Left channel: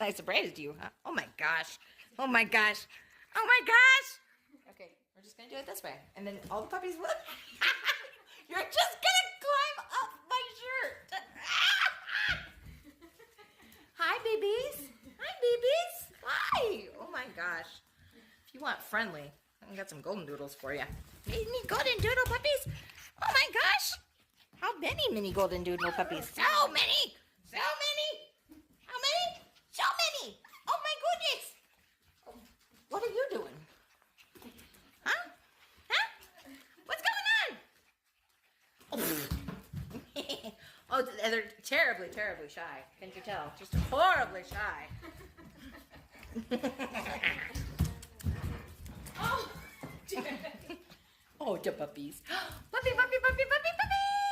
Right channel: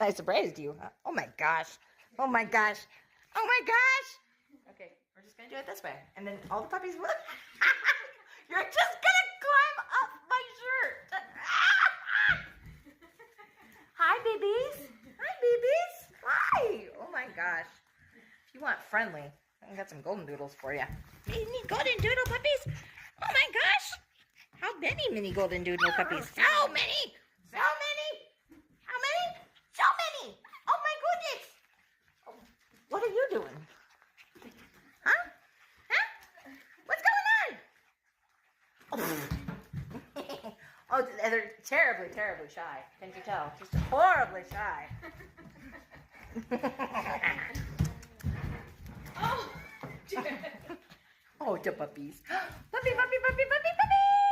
I surprised you. Oh my gosh. Oh my gosh. Oh my gosh. Okay, we're just gonna do it this way. And then all the puppies will. You're just gonna climb up my shirt. Hi, babies. Hi, babies. Hi. Oh my gosh. If you want friendly, I got some golden doodles for you. Mini golden doodle puppies. Oh my gosh. How many mini golden doodle puppies? So many. So many. How many? So many. Oh my goodness. Oh, what are you doing? Huh? Huh? What's going on? Oh, they're terribly, terribly shy. Can't you tell? Just horribly shy. Oh, Oh, the puppies. Puppy, puppy, puppy, puppy, puppy.